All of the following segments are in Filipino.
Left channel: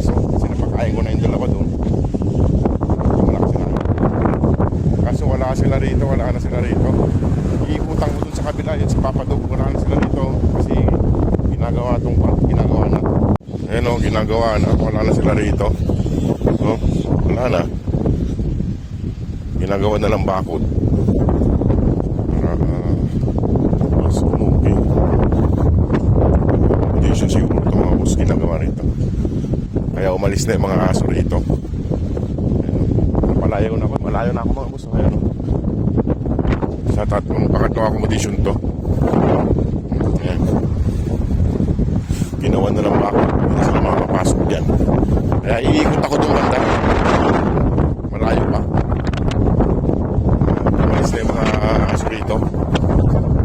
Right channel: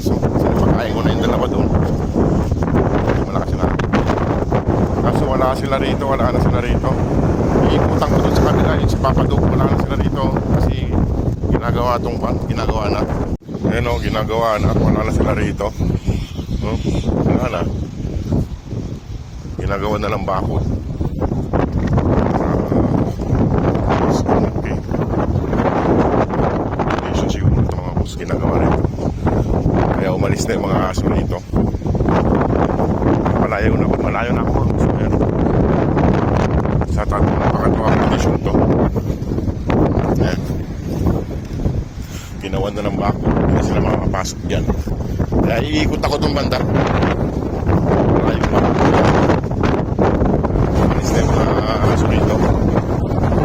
aso. Kasi napakain ko na yung dalawa doon. Malakas na. Kaso wala sila rito, wala na sila rito. Iikutan ko doon sa kabila, yung si Papa Dog, wala na sila rito. Kasi ginagawa na. Ayan o, ginagawa na. Wala na sila rito. No? Wala na. Ginagawa na ng bakod. Okay. Hindi siya siguro ito mga boss ginagawa rito. Kaya umalis na yung mga aso rito. Malayo na ako mga boss. Ayan. Sa pangatlong condition to. Ayan. Ginawa na ng bakod. Hindi sila makapapasok dyan. Kaya iikot ako dun banda. Malayo pa. Umalis na yung mga aso rito.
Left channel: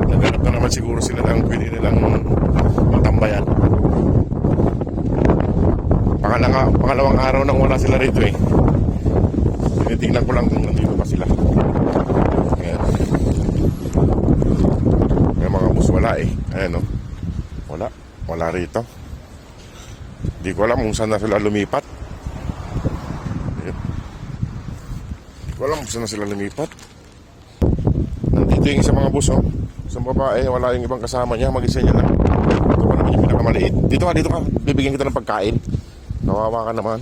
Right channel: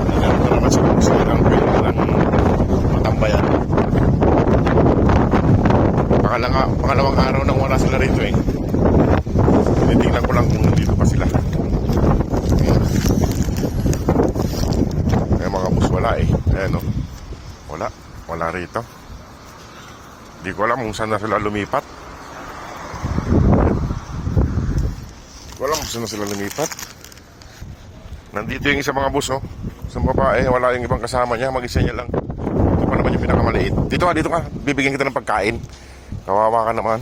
Nagano pa naman siguro sila ng tambayan. Pangalawang araw nang wala sila rito eh. Tinitingnan ko lang kung nandito pa sila. Ayan mga boss, wala eh. Ayan o. Wala rito. Hindi ko alam kung saan na sila lumipat. Ayan. Hindi ko alam kung saan na sila lumipat. Nandito yung isa mga boss oh. Sa babae, wala yung ibang kasama niya. Mag-isa niya lang. Ito pa naman yung pinakamaliit. Dito ka. Bibigyan kita ng pagkain. Kawawa ka naman.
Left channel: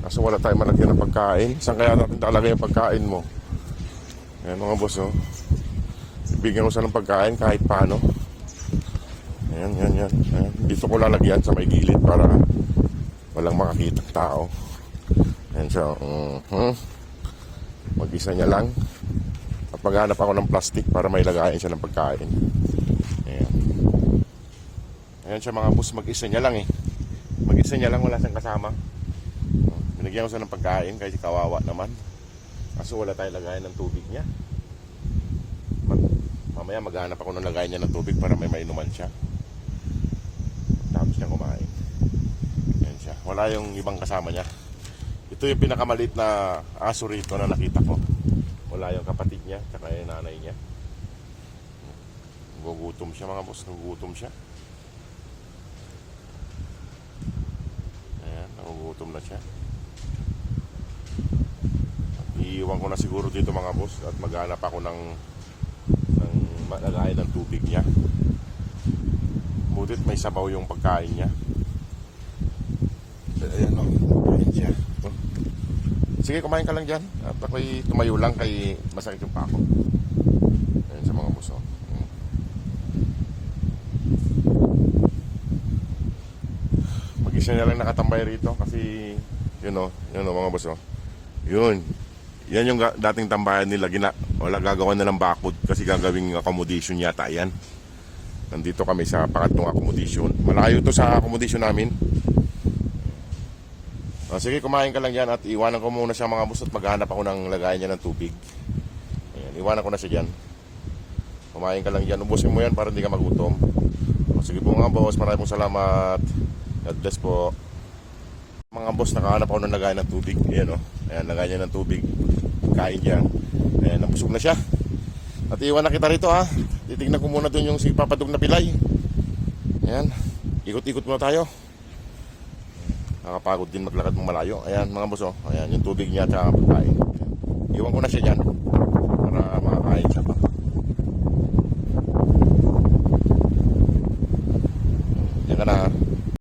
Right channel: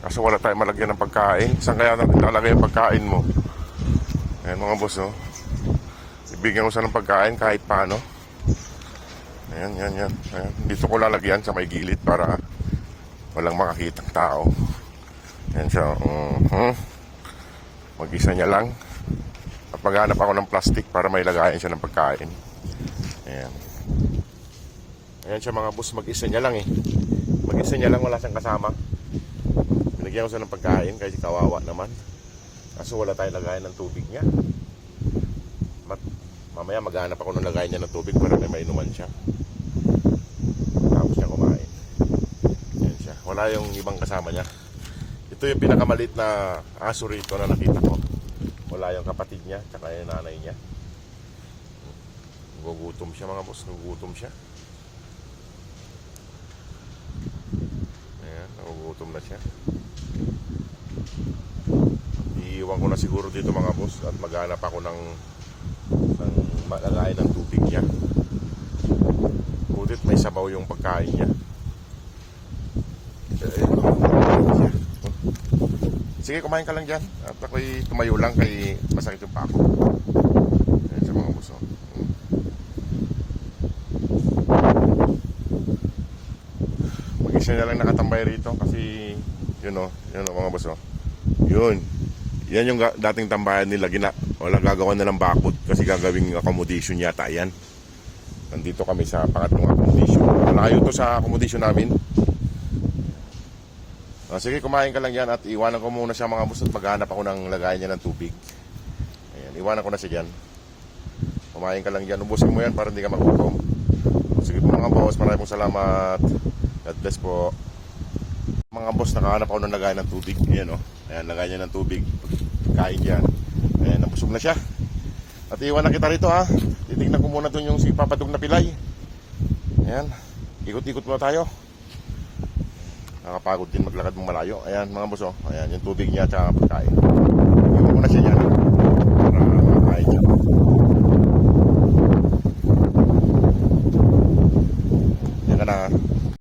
Kaso wala tayong malagyan ng pagkain. Saan kaya natin lalagay yung pagkain mo? Ayan mga boss oh. Ibigyan ko siya ng pagkain kahit paano. Ayan. Dito ko lalagyan sa may gilid para walang makakitang tao. Ayan siya. Mag-isa niya lang. At maghanap ako ng plastic para may lagayan siya ng pagkain. Ayan siya mga boss. Mag-isa niya lang eh. Mag-isa niya lang, wala siyang kasama. Binigyan ko siya ng pagkain kahit kawawa naman. Kaso wala tayong lagayan ng tubig niya. Mamaya maghanap ako ng lagayan niya ng tubig para may mainuman siya. Tapos niya kumain. Ayan siya. Wala yung ibang kasama niya. Ito yung pinakamalit na aso rito na nakita ko. Wala yung kapatid niya tsaka yung nanay niya. Gugutom siya mga boss. Gugutom siya. Ayan. Gugutom na siya. Iiwan ko na siguro dito mga boss. At maghanap ako ng lagayan ng tubig niya. Butit may sabaw yung pagkain niya. Ayan. Sige, kumain ka lang dyan. At ako'y tumayo lang kay masakit yung pako. Ayan sa mga boss. Mag-isa na lang nakatambay rito kasi yun mga boss. Yun. Yan yung dating tambayan nila. Wala gagawa na ng bakod kasi gagawing accommodation yata yan. Nandito kami sa pangatlong accommodation. Malayo ito sa accommodation namin. Sige, kumain ka lang yan at iwanan ko muna siya mga boss at maghanap ako ng lagayan niya ng tubig. Ayan, iwanan ko na siya dyan. Kumain ka lang dyan. Ubusin mo yan para hindi ka magutom. Sige po mga boss, maraming pong salamat. God bless po. Mga boss, nakahanap ako ng lagayan ng tubig. Ayan o. Ayan, lagayan niya ng tubig. Kain dyan. Ayan, nabusog na siya. At iwan na kita rito ha. Titignan ko muna doon yung si Papa Dog na pilay. Ayan. Ikot-ikot muna tayo. Nakapagod din maglakad mong malayo. Ayan mga boss oh. Ayan yung tubig niya at pagkain. Iwan ko na siya dyan para makakain siya.